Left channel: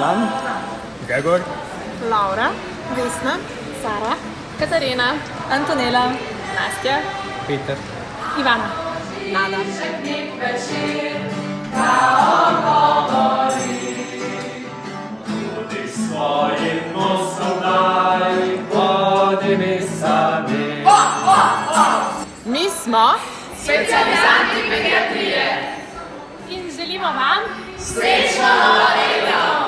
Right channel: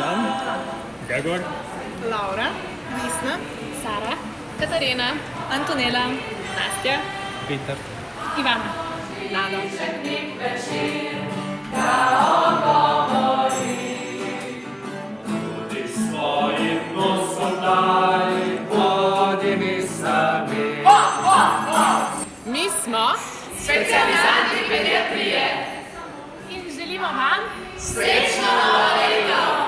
Jan, Gregor, Laura, Vesna, Sara, Katarina, Antonela, Nastja, Peter. Ivana, Nada. Tudi svojim nosom daj, vodi mi sami. Mi smo specializanti pediatrije in želimo vam srečno novega leta!